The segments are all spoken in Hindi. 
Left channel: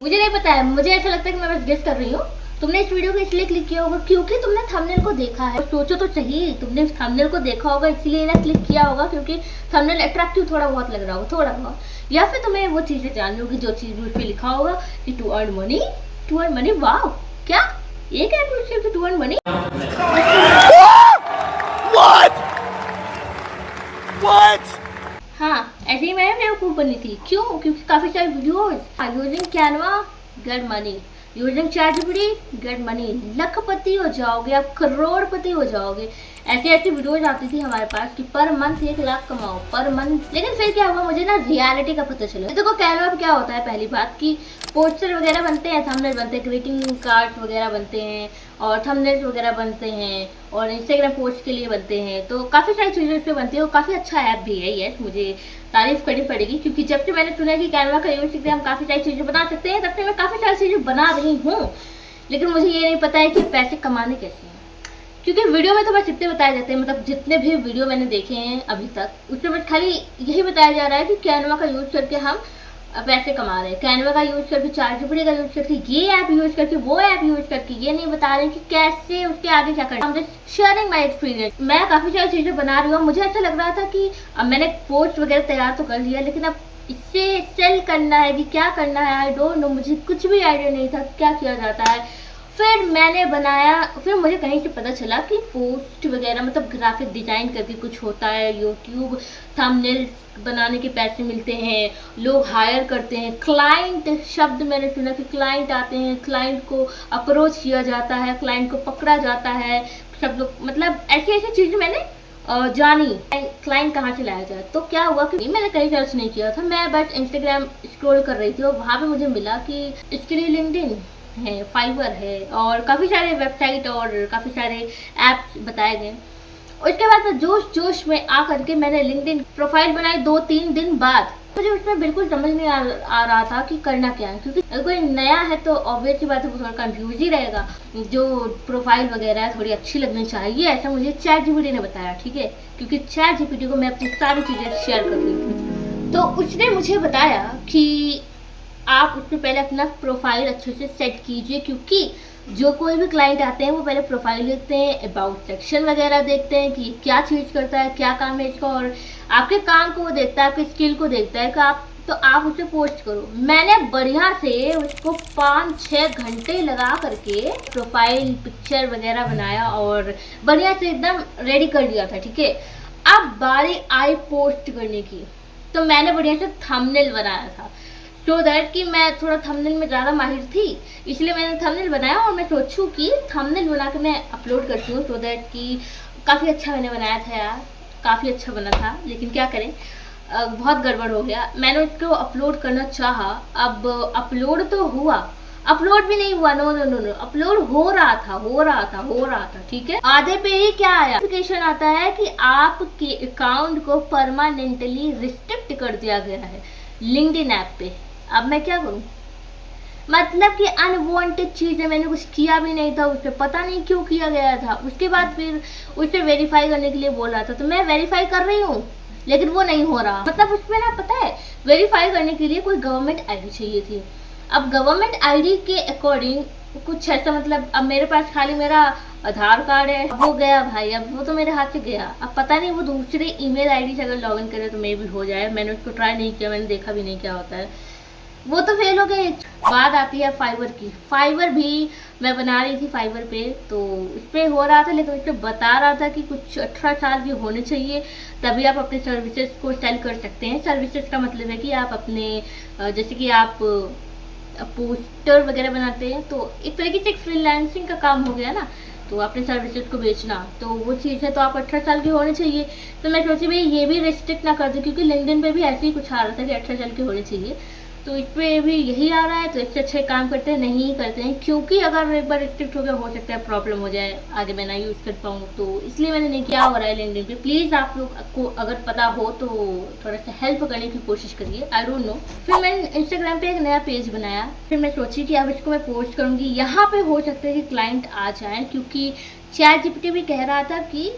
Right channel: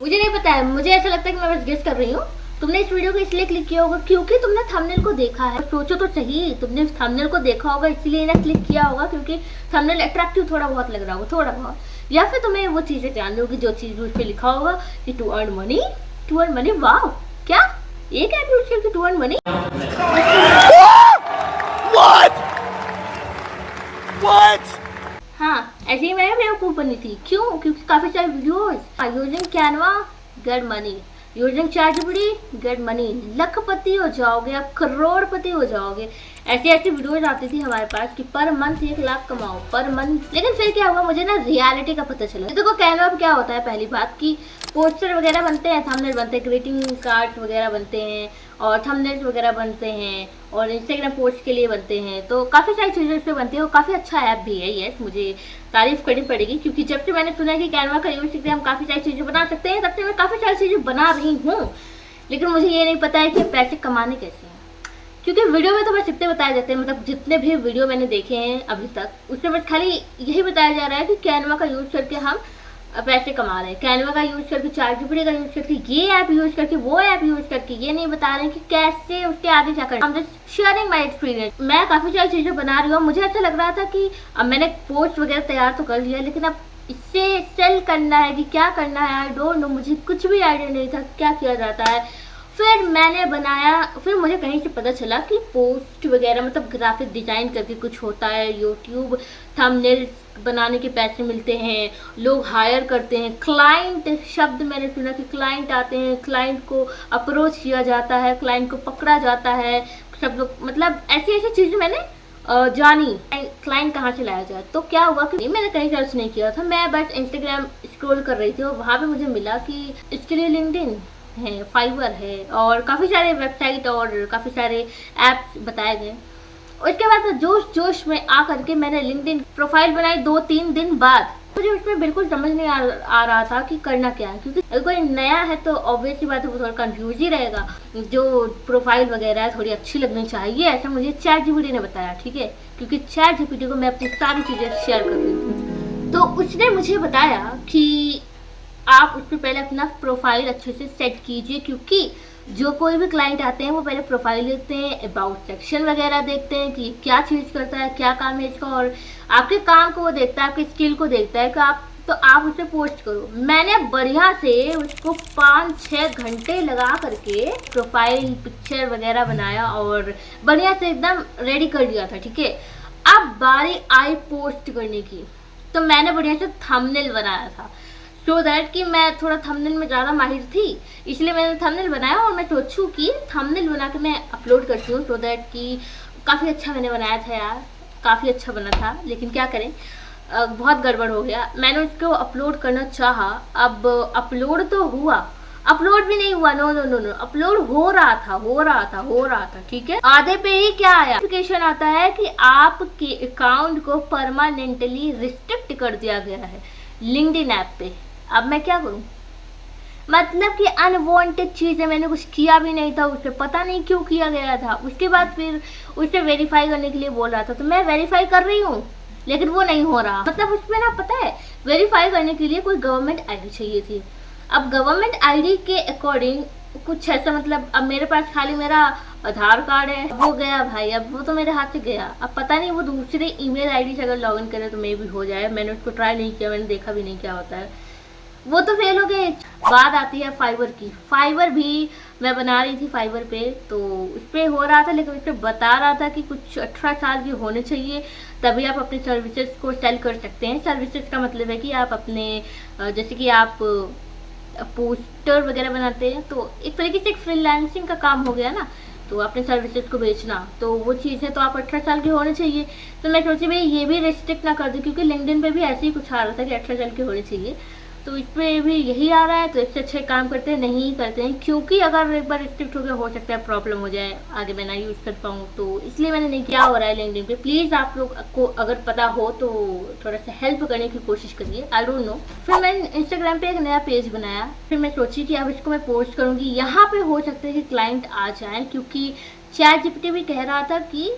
मुझे नहीं पता है, मुझे ऐसा लगता है कि मैं बस गेस कर रही हूँ। तुमने इस वीडियो को इसलिए क्लिक किया होगा क्योंकि तुमने थंबनेल को देखा है। सोचो तो सही, तुमने थंबनेल को देखा होगा इसलिए ना क्लिक किया होगा क्योंकि थंबनेल अट्रैक्टिव थोड़ा बहुत लग रहा होगा, थोड़ा बहुत, या फिर तुम्हें वो चीजें जाननी होगी जो चीज उस पर लिखा होगा कि to earn money, to earn money. वाह, क्या एक ऐप यूज करके टू अर्न मनी? हाँ, ऐसे ही मैं बेवकूफ बनी थी। क्यों? क्योंकि काफी सारे videos using Canva get money, using ChatGPT get money, लखपति हो जाओगे आप, करोड़पति हो जाओगे। ऐसी ऐसी वीडियोस आती थी हमारे पास कि पर मंथ 1 लाख कमाओ पर मंथ। लेकिन फिर क्या हुआ, मुझे ना रियलिटी का पता चला। देखो कैनवा पे क्या होता है, पहली बात कि पोस्टर वगैरह बनते हैं, थंबनेल बनते हैं, ग्रीटिंग कार्ड वगैरह बनते हैं और थंबनेल्स वगैरह बनते हैं और इंस्टाग्राम पोस्ट के लिए बनते हैं। तो काफ़ी सारी चीज़ें इस पर बनती है और काफ़ी अच्छा ऐप भी है ये, मुझे तारीफ करनी पड़ेगी क्योंकि जब से मैंने सुना कि कैनवा का यूज करके हम काफ़ी सारी चीज़ें बना सकते हैं तब से मैं काफ़ी सारी चीज़ें बना रही हूँ। लेकिन मुझे ये नहीं पता है कि पैसे कमाने कैसे हैं, क्योंकि वीडियो में तो बस इतने बताए जाते हैं, मतलब जितने भी वीडियो मैंने देखे हैं अभी तक उसमें बस खाली यही बताया जा रहा है कि कैनवा का यूज करके हम पैसे कमा रहे हैं, कैनवा का यूज करके, चैटजीपीटी का यूज करके, ये ऐप यूज करके, वो ऐप यूज करके। ये नहीं बता रहे कि कैसे उसके आगे क्या करना। I'm just sharing my experience। मैं काफी सारी चीजें बना रही हूँ। मुझे ऐसा लग रहा था कि अब मैंने पोस्ट वगैरह तैयार तो कर लिया, लेकिन अब इससे सेल करना है कि क्या करना है, आई डोंट नो। मुझे कुछ भी आइडिया नहीं था क्या किया जाता है। फिर मैंने बनाया, फिर मुझे कहीं से पता चला कि पोस्ट वगैरह मतलब ग्राफिक डिजाइन करके कुछ होता है, यूट्यूब थंबनेल बनाने के पैसे मिलते हैं, लोग हायर करते हैं। क्लाइंट शब्द मैंने सुना कि क्लाइंट आते हैं, क्लाइंट को अप्रोच किया जाता है, क्लाइंट को पकड़ा जाता है, सब लोग, मतलब ऐसी ऐसी चीज़ें मैंने जानी। क्लाइंट कहाँ से लाया जाए। तो क्या हुआ कि मैंने कहीं सर्च नहीं किया था, मैं बस इंस्टाग्राम स्क्रॉल कर रही थी और वहाँ पे मुझे मिला कि इसके लिए लिंक्डइन है, फाइवर है और काफ़ी सारे वेबसाइट और काफ़ी सारे ऐप्स बताए गए। उसके बाद जोश जोश में आ करके मैंने लिंक्डइन प्रोफाइल बनाई 2-3 दिन बाद। मुझे उसमें बिल्कुल समझ नहीं आ रहा था कि करना क्या है, क्योंकि अगर कोई नया है तो ऑब्वियस सी बात है वो थोड़ा कंफ्यूज ही रहेगा। जो प्रोफाइल वगैरह है थोड़ी अच्छी लगनी चाहिए, ऐसा मुझे चैटजीपीटी ने बताया, ठीक है, क्योंकि चैटजीपीटी को मैं अपनी सारी चीज़ें शेयर कर रही थी। तो उसने मुझे बताया कि आप उस पर पहले अपना प्रोफाइल अच्छे से सेट कीजिए, क्योंकि जो कोई भी क्लाइंट आते हैं वो पहले प्रोफाइल देखते हैं, अबाउट सेक्शन वगैरह देखते हैं कि क्या चीज़ करता है, क्या काम है इसका, और आपके काम को वो देखता है, आपके स्किल को देखता है कि आप उसे पोस्ट करो। मैंने बढ़िया से उसको 5-6 घंटे लगा करके प्रोफाइल पिक्चर वगैरह बनाया और बढ़िया से एकदम रेडी कर दिया था, ठीक है। अब बारी आई पोस्ट करने की, तो मैंने बढ़िया से थंबनेल बनाया था, सो दैट कि मैं थोड़ा थंबनेल में ज़्यादा माहिर थी, इसलिए मैंने थंबनेल बनाया और मैं सोचूं कि थंबनेल बना के मैं अपलोड करती हूँ, सो दैट कि काफ़ी अच्छा मैंने बनाया था यार, काफ़ी अच्छा बना था। लेकिन क्या करें, बहुत गड़बड़ हो गया। मैंने उसको अपलोड करना चाहा, अब अपलोड तो हुआ, अपलोड भी नहीं हुआ, no no no no, upload हो रहा था, ठीक है। आधे पे ही क्या आया, नोटिफिकेशन आता है कि आपके अकाउंट को परमानेंटली रिस्ट्रिक्ट कर दिया गया है लिंक्डइन ऐप पे। अब मैं क्या करूं, मतलब कि अनवांटेड चीज़ है, मैंने कुछ किया भी नहीं था, उसे पता नहीं क्यों किया गया था। उसके बाद फिर उसे वेरीफाई करने के लिए बोल रहा था, तो मैं वेरीफाई कर रही हूँ लेकिन वो नहीं हो रहा। मतलब उसमें ना, पता है, वेरीफाई करने के लिए कोई गवर्नमेंट आईडी चाहिए थी। अब गवर्नमेंट आईडी के अकॉर्डिंग कुछ ऐसा, मतलब अब मेरे पास खाली मेरा आधार कार्ड है, वो गया भाई, अब वो तो मेरे हाथ से गया। अब पता नहीं वो दूसरे ईमेल आईडी से अगर लॉगिन करे तो मे भी हो जाए, मैंने उसको ट्राई नहीं किया, मैंने देखा भी नहीं क्या होता है, वो तो फेल हो गए। बात आती है फाइवर की। फाइवर भी मैं बना रही थी फाइवर पे, तो उस पर हो रहा था, लेकिन उस पर बता रहा था कि कुछ 18 साल के होने चाहिए तभी आप अपनी सर्विसेज को सेल कर सकते हैं। सर्विसेज का मतलब है कि आप अपने, जैसे कि आप पोस्टर वगैरह बनाते हैं, तो एक तरीके से एक फ्रीलांसिंग का काम हो गया ना, तो अपने सर्विसेज को बेचना, तो वो चीज़ है, तो आप 18 साल के होने चाहिए। तो मैं सोची भाई ये भी रिस्ट्रिक्ट ना कर दूँ, क्योंकि लिंक्डइन पे भी ऐसे ही कुछ आ रहा था कि 18 साल के होने चाहिए, तो इस पर भी यही आ रहा है। तो इससे अच्छे काम करते हैं, नहीं करते हैं, क्योंकि अगर एक बार रिस्ट्रिक्ट हो गया हो सकता है प्रॉब्लम हो जाए, आगे मैं ना यूज़ कर पाऊँ, तो इसलिए मैंने नहीं किया। हो रहा है लिंक्डइन पे, प्लीज़ आप लोग को अगर पता हो तो थोड़ा सा हेल्प करने की कोशिश करिए, आई डोंट नो। फिर मैंने इंस्टाग्राम पे एक नया पेज बनाया, फिर मैं सोची कि अब इसको मैं पोस्ट करूँगी, यहाँ पे हो सकता है कि क्लाइंट आ जाए, क्योंकि चैटजीपीटी भी कह रहा था कि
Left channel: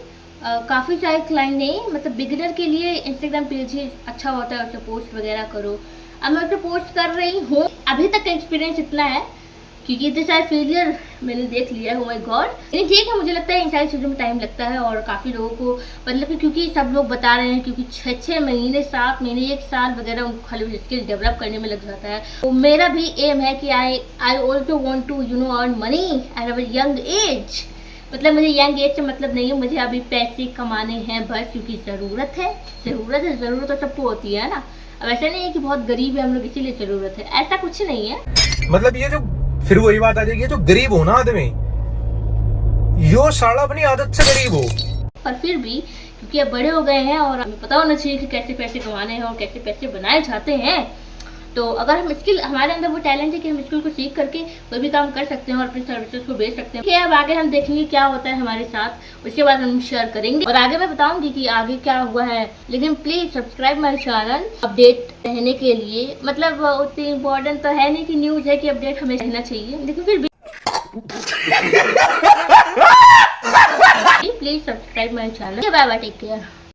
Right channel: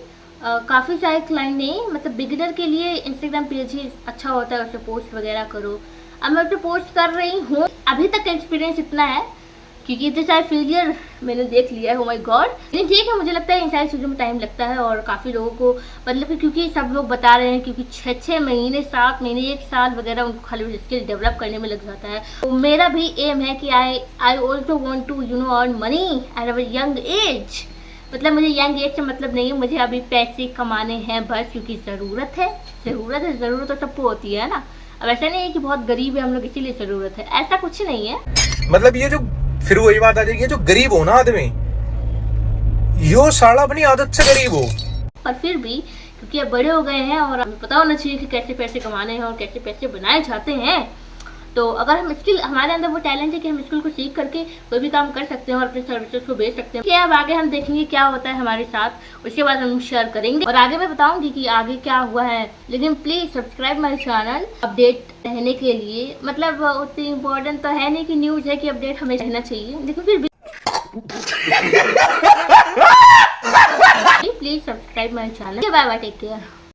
काफ़ी सारे क्लाइंट नहीं, मतलब बिगिनर के लिए इंस्टाग्राम पेज ही अच्छा होता है, उसे पोस्ट वगैरह करो। अब मैं उसे पोस्ट कर रही हूँ। अभी तक का एक्सपीरियंस इतना है, क्योंकि इतने सारे फेलियर मैंने देख लिया है। Oh my God. लेकिन ठीक है, मुझे लगता है इन सारी चीज़ों में टाइम लगता है, और काफ़ी लोगों को मतलब कि क्योंकि सब लोग बता रहे हैं, क्योंकि 6 महीने 7 महीने 1 साल वगैरह उनको खाली स्किल डेवलप करने में लग जाता है। तो मेरा भी एम है कि I also want to earn money at a young age. मतलब मुझे यंग एज से मतलब नहीं है, मुझे अभी पैसे कमाने हैं बस, क्योंकि ज़रूरत है। ज़रूरत तो सबको होती है ना। अब ऐसा नहीं है कि बहुत गरीब है हम लोग इसीलिए ज़रूरत है, ऐसा कुछ नहीं है। मतलब ये जो फिर वही बात आ जाएगी, जो गरीब हो ना आदमी, यो साला अपनी आदत से गरीब हो। पर फिर भी क्योंकि अब बड़े हो गए हैं और हमें पता होना चाहिए कि कैसे पैसे कमाने हैं और कैसे पैसे बनाए जाते हैं। तो अगर हम स्किल, हमारे अंदर वो टैलेंट है कि हम स्किल को सीख करके कोई भी काम कर सकते हैं और अपनी सर्विसेज को बेच सकते हैं। कि अब आगे हम देखेंगे क्या होता है हमारे साथ, उसके बाद हम शेयर करेंगे और आगे मैं बताऊंगी कि आगे क्या हुआ है। लेकिन please subscribe my channel update रहने के लिए। मतलब उतनी इम्पोर्टेंट तो है नहीं कि न्यूज है कि अपडेट हमें रहना चाहिए, लेकिन फिर भी please subscribe my channel. Bye bye, take care.